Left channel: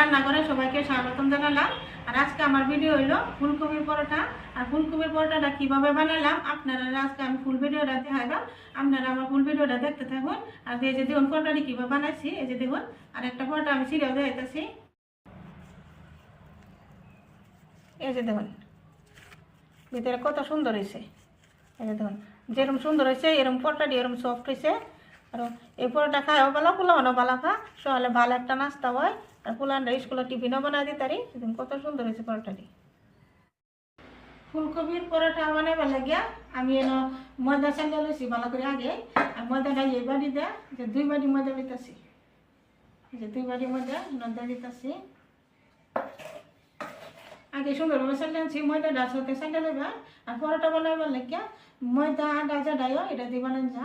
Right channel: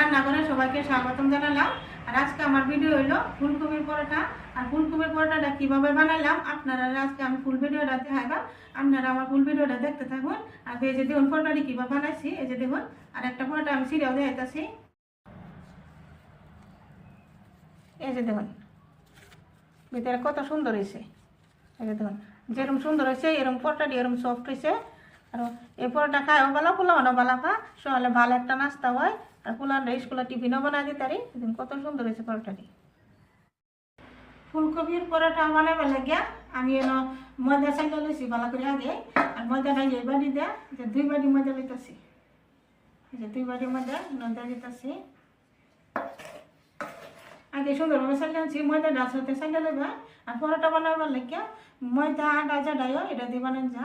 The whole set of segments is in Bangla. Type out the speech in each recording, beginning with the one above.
রান্নাঘরে সবাইকে স্বাগতম জানালাম। আর আজকে আমার ভিডিও হইলো ফুলকপির পরোটা। আর ফুলকপির পরোটাটা কিভাবে বানালাম আপনারা আজকে আমি ফুল ভিডিওটা দেখাইলাম। আপনারা আমার ফুল ভিডিওটা দেখতে থাকুন। আর এই যে দেখুন পরোটাটি কিভাবে বানাইছি, এই যে দেখুন আর একটা পরোটা আমি সিরিয়াও দেখাইতেছি। এই যে দেখুন ভিতরে কত সুন্দর হয়েছে। এই যে দেখুন যেরকম সুন্দর হয়েছে এরকম পরোটাটি এরকম সফট হয়েছে। আর এই পরোটা খায়ও ভালো, পোলাওয়ানো ভালো খা, সকালে ভালো একটা নাস্তা হয়। আর পোলাওটা স্কুলে টিফিনও বানাই দিতে পারি। কত সুন্দর হয়েছে পরোটাটি। ফুলকপির পরোটা বানাইবার লাগিয়া আমি এনে ময়দা চাইলে লইছি ভালো করে আগে। আর ময়দাটা এই বাড়ি দেয় যে 2 বাটি ময়দা লইতেছি। এই যে 2 বাটি ময়দা নদা দিতেছি। আগে সুন্দরভাবে চাইলে আনছি, ময়দাটা সাথে চাইলে লইবা। আর পরোটা বানাইবার লাগিয়া ময়দা আটা জাডাইও এটা দিয়ে বানাই যা।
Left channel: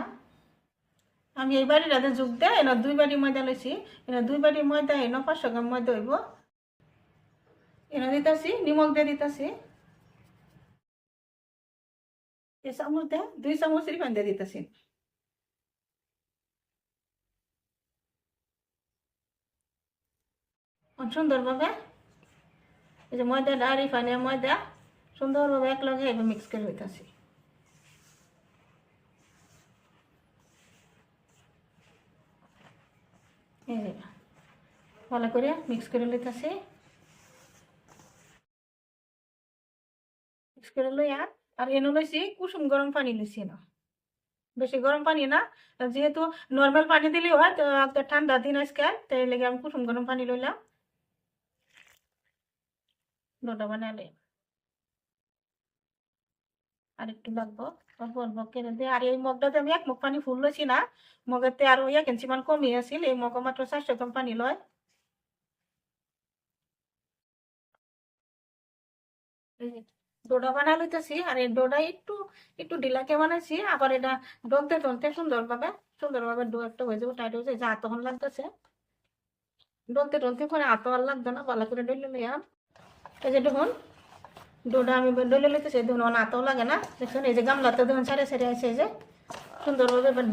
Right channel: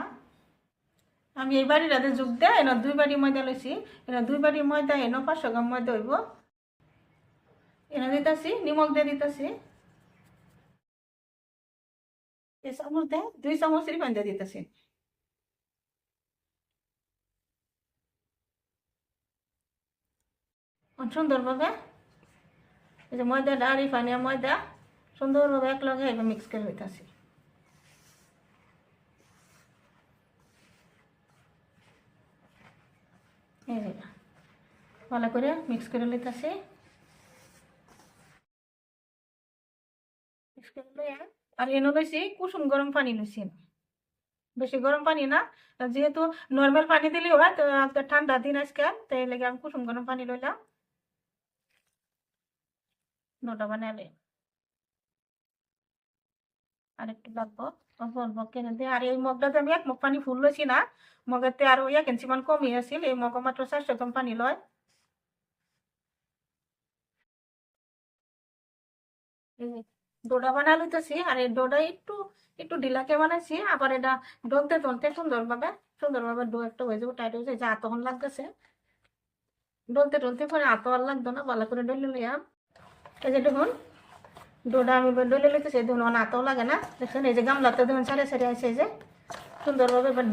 আমি এই বাড়িটাতে যোগ দেয় এনে 2 বাটি ময়দা লইছি। এনে 2 বাটি ময়দা এনে 500 গ্রাম ময়দা হইব। এনে দিতেছি নিমখ দিয়ে দিতেছি। এই চামচ দিয়ে 2 চামচ রিফাইন দিয়ে দিতেছি। সুন্দরভাবে এই যে ময়দাটা রিফাইনের ময়দা সুন্দরভাবে একলগে এবার মিক্স করে হইতেছি। ভালো করে মিক্স করে লইতেছি। মিক্স করে লই আর এনে লইছি কুসুম গরম পানি লইছি না, বেশি গরম পানি না। যেহেতু নর্মাল পানি দিলেই হয়, তো একটা ঠান্ডা দিন আজকাল তাই লেগে আমি কুসুম গরম পানি লইলাম। ডোটা বানালে আর একটু লাগবো, অল্প অল্প কেনে দিয়ে। আর এই মগটাতে আমি 1 মগ পানি ফুল লইছি না, মগেতে আরো 1 ইঞ্চি মান কমই আছিল। এই মগ মাত্র 400 গ্রাম পানি লয়। এই ডোটা বানা লইতেছি। আর এই ডোটা একটু একটু ঢিলাকে বানাইছি। আবার এটা ডলতে ডলতে সুন্দরভাবে ডো একটা হয়ে যাবে, টাইট হয়ে যায়, যা তখন লাগতেছে। ডলতে ডলতে পরে আতো আর লাগতো না, ভালো করে ডলে লইয়াম। এই যে দেখুন ডোটা আমি ডলে লইতেছি, দেখুন আতো লাগে না, দেখুন এই যে গামলাতে দেখুন সারে সারে আছে। এই যে সুন্দরভাবে এবার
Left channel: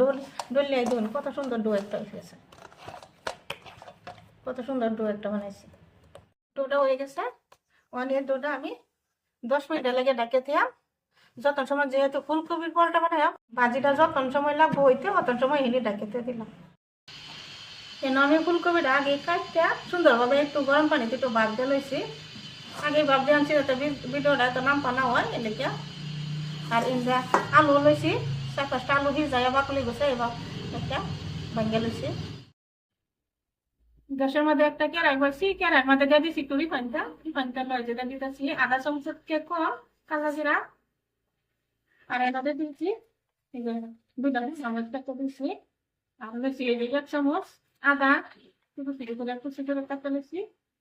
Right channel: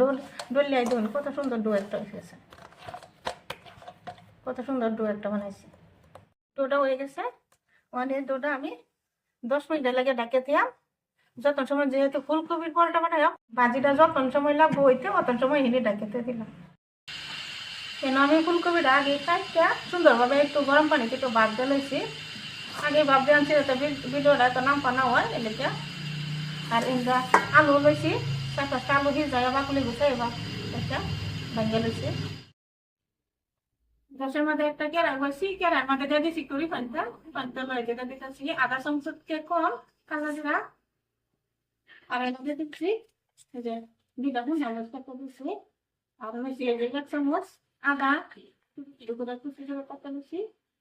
ডলে দেখুন কত সুন্দর ডো একটা হয়ে গেছে, কত সুন্দর ডো একটা বানাইছি। ডোটা হয়ে গেছে। ওখানে ডোটা আমি 10 মিনিট লাগে ডাকে দিয়াম। যতন সময় যেহেতু ফুলকপির পরোটা বানাইলাম, ভাজিটা যতন সময় লাগবো হইতে অতন সময় হিনে ডাকেতে দিলাম। কেন আমি ফুলকপিটা আগে কাটটা সুন্দরভাবে একটু গরম পানিতে একটু ভাপ দিয়ে লইছি। আগে ভাপ দিয়ে আনছি যাতে ভিডিওটা তো নাম পানা হয় এলাকা। আর ইন্দা আলু লইছি, 4-5টা আলু সিজাই বাকলি গুছে এবার একটা ভাঙ্গা লইছি। গ্যাসের মধ্যে একটা কেরাই বসি, কেরাইয়ের মধ্যে দিয়ে দিছি একটু রিফাইনটা লয়ে যেটা দিতেছি আধা চামচ কম কালো জিরা। আর এর মধ্যে দিচ্ছি এই যে 2টা চামচ দিচ্ছি। আর লইছি এই যে 1 চামচ আদা কুচি করে কাটতে লইছি।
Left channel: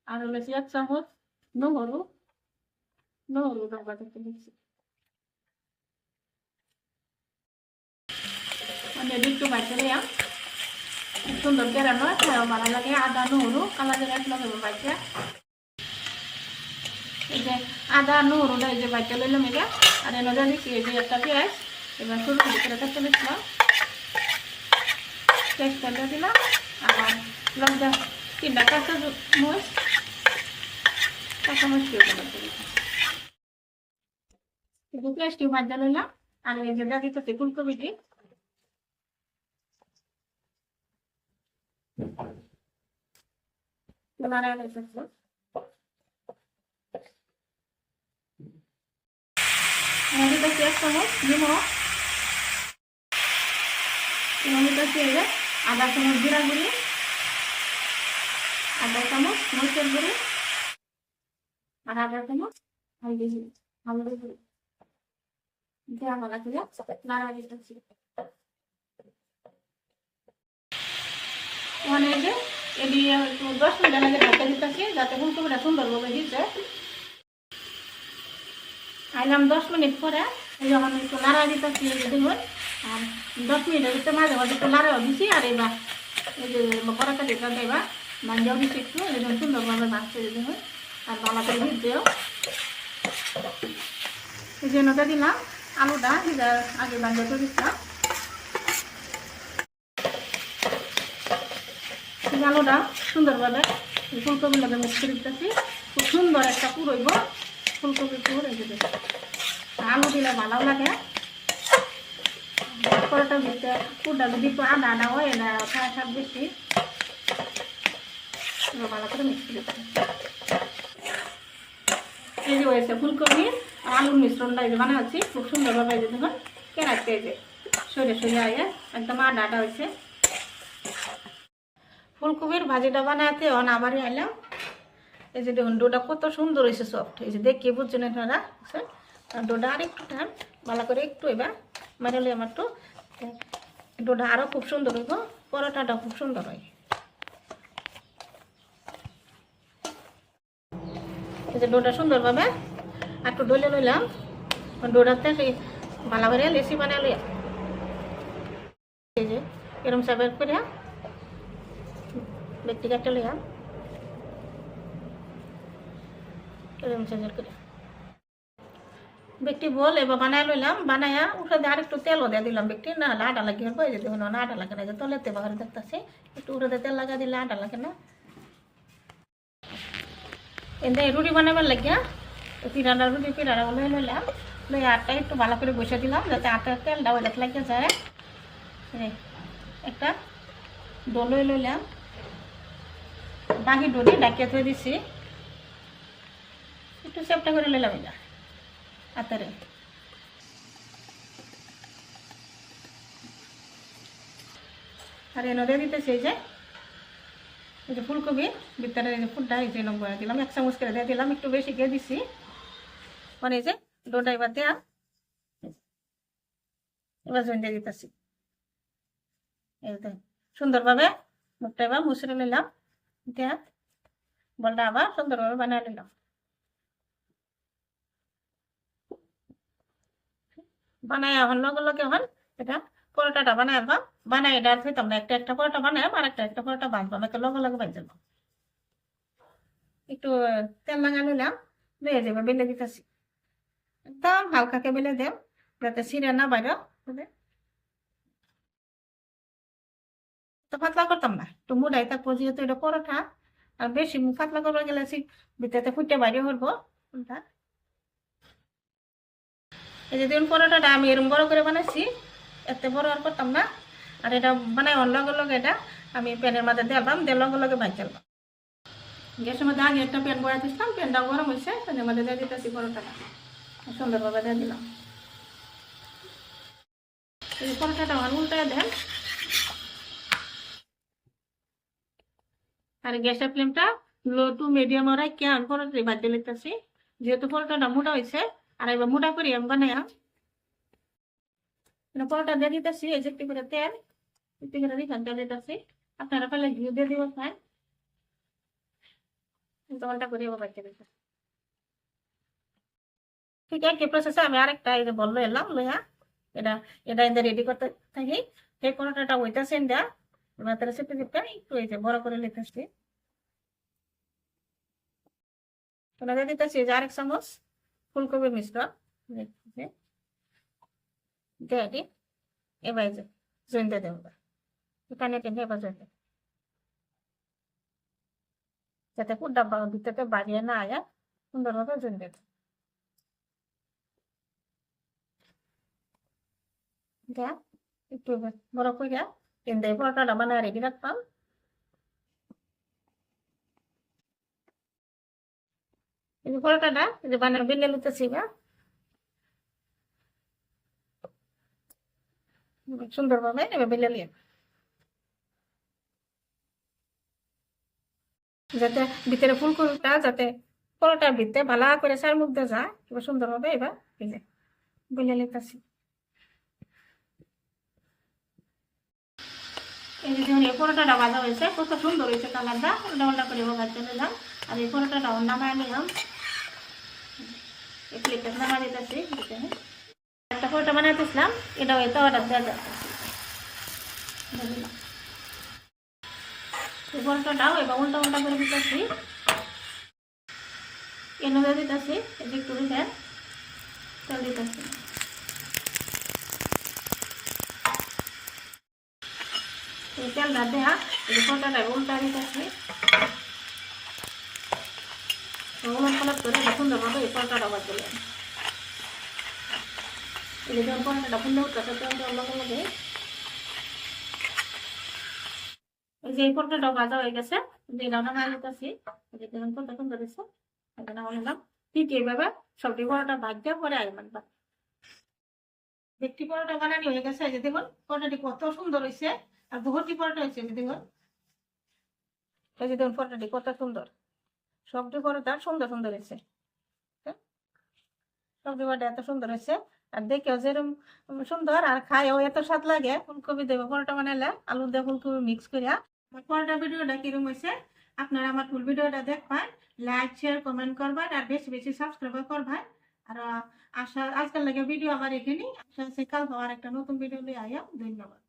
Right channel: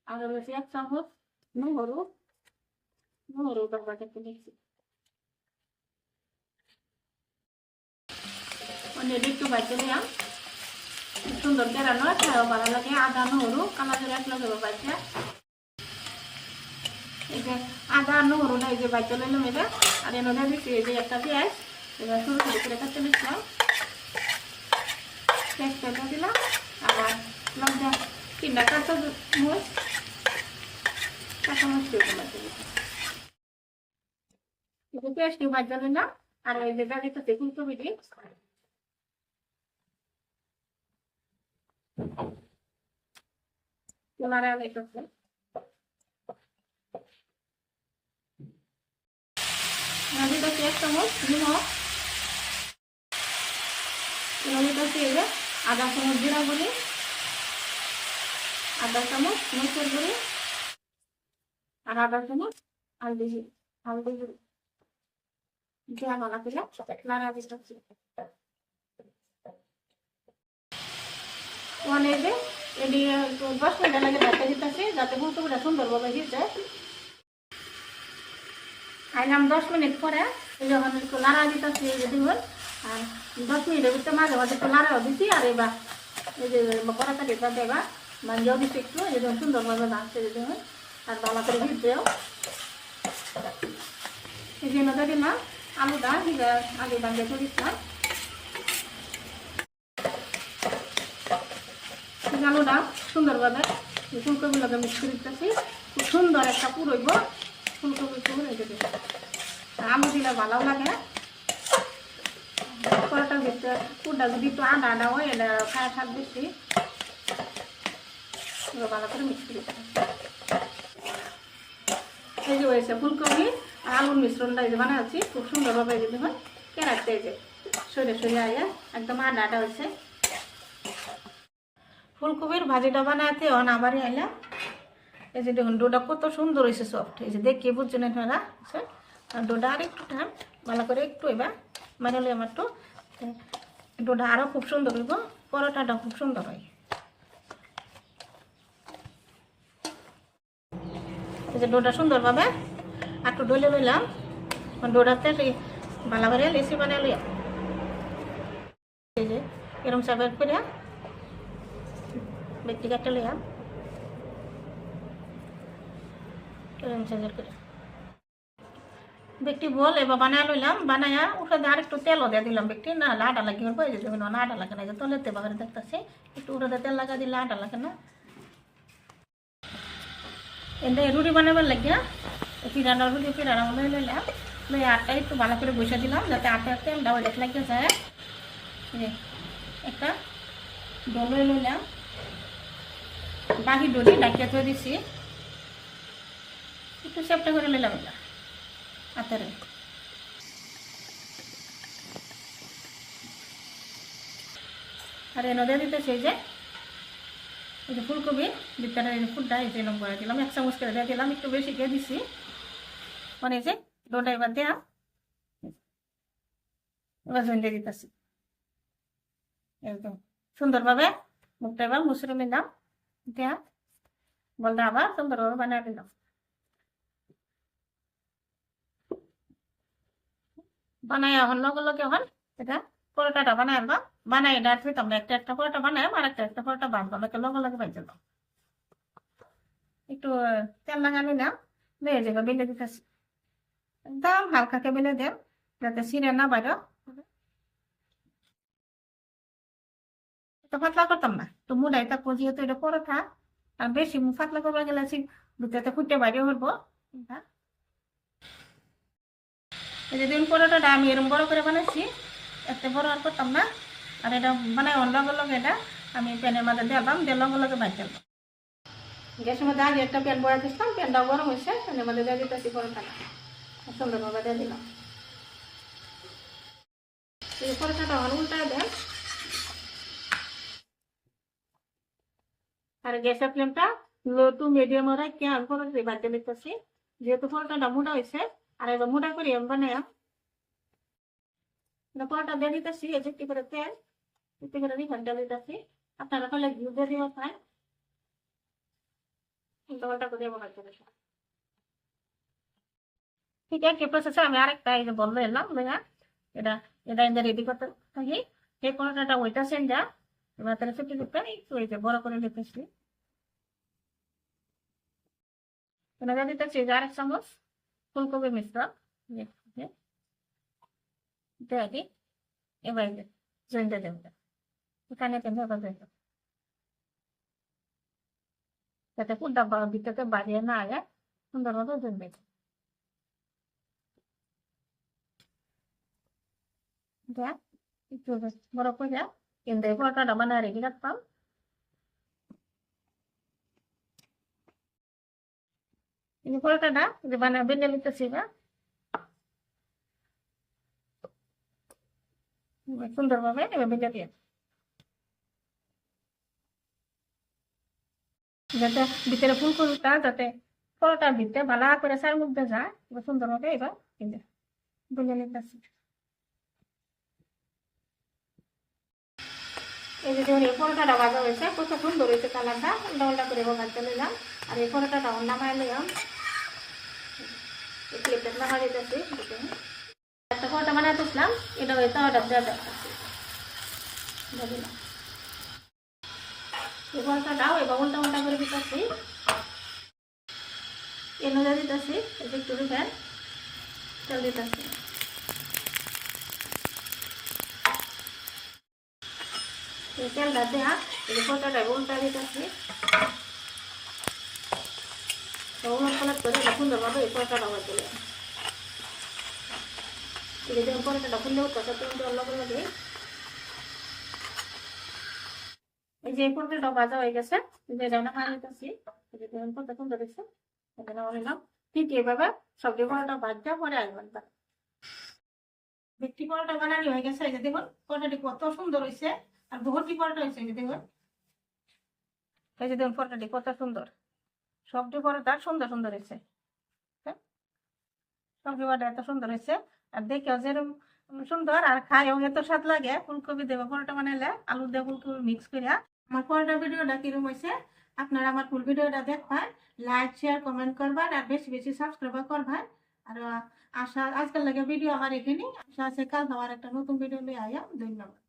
আর লইছি 1 চামচ নহরু বাটা দিচ্ছি। মানে একটু ভাজতে দিলাম, সুন্দর কেরানো ভালো লাগে। আদা নহরু কালা জিরা এক লগে ভাজা। এই যে আদা নহরুটা এই যে ভাজতে লইলাম এটা। আর এর মধ্যে দিচ্ছি এই যে একটা পেঁয়াজ, এবার ছোট ছোট করে কাটতে দিচ্ছিলাম। পেঁয়াজটা দিলাম। আর লঙ্কা 3টা কাঁচামরিচ পেঁয়াজটি ভাজা লইলাম। আর এই যে দিতেছি ফুলকপি দিয়ে দিতেছি 1 চামচ নিমখ, দিতেছি এই যে আধা চামচ জিরা গুঁড়ি, আধা চামচ মরিচের গুঁড়ি, আর আধা চামচ হলদি গুঁড়ি দিয়ে ভালো করে নাড়া দিতেছি। মানে এই যে এটি 10 মিনিট আগে ঢাকা দিতেছি যাতে ফুলকপিটা সুন্দরভাবে দিতে। আর আমি 10 মিনিট পরে যখন একটু নাড়া দিতেছি দেখবেন। আর 10 মিনিটের ভিতরে মাঝে মাঝে একটু নাড়াও দিচ্ছি। আর এবার এই যে পরোটা যেটা দেবা ভাঞ্জাও দিচ্ছি একটু, এই জন্য সুন্দরভাবে ভাজতে দেবেন। আর ভালো করে দিতেও এই জন্য দিলাম আলুটা আগে ভাঞ্জা করে দিচ্ছিলাম। আলুটা সুন্দরভাবে ফুলকপি লগে মিক্স করে দিতেছি, খুব সুন্দর একটা পুরইব ফুলকপি পুর হয়ে যাবে। আলু দিলে ভালো লাগে। পরোটা দিতে পুরটা যদি একটু আদা আদা হয় এটা খায় স্বাদ বেশি। ভালো করে মিক্স করে দিতে এই যে হয়েছে ফুলকপি আর আলুর মিশ্রণটা এই যে বানাচ্ছি খুব সুন্দরভাবে এই যে দেখুন কেনাচ্ছে এই যে সরে সরে আয়া একদম আদা আদা হয়েছে। ফুলকপির ভাজিটা বানাতে অন আবারই আইলাম। এই যে দেখুন ডোটা কত সুন্দর হয়েছে সফট, এই যে দেখিয়ে বুঝছেন আপনারা। ডোটা আর একটু টান ভালো করে একটু এবার মারালে আমার তো ডোটা আরও খুব সুন্দর হইব, পরোটাটা খুব সুন্দর হয়। এই যে ডোটা সুন্দরভাবে একটু ডলে লইলাম, ডোটাতে ভালো করে লেসি বানিয়ে লইলাম। এই যে এরম সাইবার করে ব্যক্তি কাটতে লইলাম এরম সাইজের করে ব্যক্তি বল এবার বানায় লইলাম। বানায়া উঠে দিয়ে আরেকটু তেলও দিয়ে দিলাম ব্যক্তি না আটা লাগিয়ে হবে। এই যে দেখুন না আটা লাগে না, যে তলেতে বাহারে দেখতেছি একটু উঠে তেল লাগা দিলে আটা লাগে না। এতে রুটি বানাবার লাগিয়া পিড়াটা রুটি পিড়াটা লই লইলাম, লই আটটা একটু ভালো করে বসে দিলাম যাতে আটার তেলটা ওই দেখ লাগিয়ে যায়। একটা ডো লই লইলাম, বাকি ডলি ডাকিয়ে থয়ে দিছি, একটু চেপটা করে লইলাম এটা হাতেরে। আর এনে দিতেছি এই যে ফুলকপি ভিতরে ফুলটা এই যে বয়া দিলাম, 1 চামচ করে দিয়ে দিলাম, একটু বেশি দিয়ে দিছি। মানে এই যে ডোটা এবার দেয়া এবার জয়েন দিয়ে দিতেছি একদম সুন্দরভাবে। মুখটা এবার মুছড়ে নিলাম, দেয়া বলটা আবার সুন্দরভাবে বানিয়ে নিলাম। বানাই এখন লগে লগে এখন এটা পরোটাটা বানাই আনবাম, বানাই এটা থইতাম না, একটা একটা পরোটা বানাইম আর একটা একটা পরোটা বাঁধবাম, একটা লগে লগে বাঁধ দিলাম। একটু তেল লাগা নিলাম, বেয়ে যাবে বেলে দিতেছি একদম হালকাকে বেলে দেব যাতে ছিঁড়ে না বাইরে। তো পাতলা করতাম না, একটু মুড়াই থাকবো যেহেতু এটা পরোটা, আর বেশি পাতলা করবার গেলে ভিতরে ফুটে বাইরে হইব। এই যে দিন পরোটাটা আমি এরকম বড় করে বানাইছি, এত বড় আর করতাম না। আর এটা বানাই লগে লগে এটা আমি প্যানের মধ্যে দিলাম, দিয়ে লগে লগে ভাজ দিলাম। গ্যাসের মধ্যে আগে একটা প্যান বড়াই দিচ্ছিলাম, প্যানটা গরম হয়েছে, প্যানের মধ্যে দিয়ে দিতেছি পরোটাটা সুন্দরভাবে দিয়ে দিলাম। এই পরোটাটা আমার উল্টায় দেন, আর গ্যাসের ফ্লেমটা লো টু মিডিয়াম রাখি আমি পরোটা ভাজ দিয়ে লিখতেছি, যেহেতু পরোটাটা মোটা হয়েছে। আর এবার মোটা করি আমি বানাই পরোটা দিয়ে দিতেছি, এই যে একটু করে তেল একটু করে রিফাইন দিয়ে দিতেছি, আপনারা পেলে ঘি দিয়ে দিব খাই উল্টা করে এবার বাচ্চা দিচ্ছি। ঠিক একই প্রসেসে আমি আরেকটা এই যে বললো এলাম লইয়া এটা এটা এদের রেডি করতে থাকি। এই পরোটাটা ওইটাছে দেয়া এবার তারা চেপে চেপে একটু এই যে বড় করে নিতেছি। ওটা দিতেছি যে 1 চামচ ফুলকপি মিশ্রণ দিয়ে দিই, এবার যে জয়েন দিয়ে দেবো এখানে টেনে এবার জয়েন দেবো যাতে পুরটা ভিতরে বাড়িয়ে না আয়, সুন্দরভাবে জয়েন দিয়ে দেবো। দেয়া একটু বড় করে কিন্তু এই পরোটাটা বানায় রেডি রাখতাম। এই পরোটাটা যে বানায় বেলে নিতেছি সুন্দরভাবে এবার বেলে নিয়ে যাতে ভিতরে ফুলকপিটা যাতে পরোটার ভিতরে ভালো করে চার মুখ দিয়ে যায়, এবার সুন্দরভাবে এবার এই যে বেলে নিতেছি। এই যে এই পরোটাটা ভাজা হয়েছে, কত সুন্দর হয়েছে কালারটা, উল্টা উল্টা করে ভাজতে নিলাম। আর এই পরোটাটা নামায় নিলাম, এই প্লেটটা নামাই দিতেছি। একটা পরোটা বানাইতেছিলাম, এটা ওই তাওয়াটা দিয়ে যাচ্ছি এই পরোটাটাও এবার উল্টা উল্টা করে দিতেছি, এনে দিয়ে দিতেছি একটু দিতে তেল দিতেছি। তেলটা দেওয়া এই পরোটাটা উল্টা দিতেছি, দেবো এই পরোটাটা আবার দিলে এই যে যখন পরোটাটা ফুলে উঠতেছে তখন লগে লগে এই যে এই পরোটাটা ভাজা হয়ে গেছে যে রান্না মারি নিতেছি এই যে দেখুন কত সুন্দর হয়েছে এখন আমার নিলাম ঠিক এইভাবে সবজি পরোটা ভাজতে পরে আসবেন একটি পরোটা বানানি হয়ে গেছে এই যে দেখুন পরোটাটি কত সুন্দর হয়েছে আর বহুটি পরোটা হয়েছে এই যে দেখুন এই যে দেখুন পরোটাটি কত সুন্দর সবজি পরোটা সুন্দর সুন্দর হয়েছে সবজি পরোটা এত সুন্দর হয়েছে আর দেখেও যেরকম সুন্দর আর খায়ও এত স্বাদ লাগে ফুলকপি দেবো পরোটা বানালে আলু দিয়ে ফুলকপি মিক্স করিয়া আমার পরোটা ভিডিওটা কিরকম হয়েছে আপনারা আমার ফুল ভিডিওটা দেখবেন লাইক শেয়ার কমেন্ট করবেন আর বেশি বেশি সাবস্ক্রাইব করবেন আর আশা আজকাল লাগে ভিডিও আমার এখানে আশা আছে কাল হওয়ার একটা নতুন ভিডিও নিয়ে আয়া ধন্যবাদ।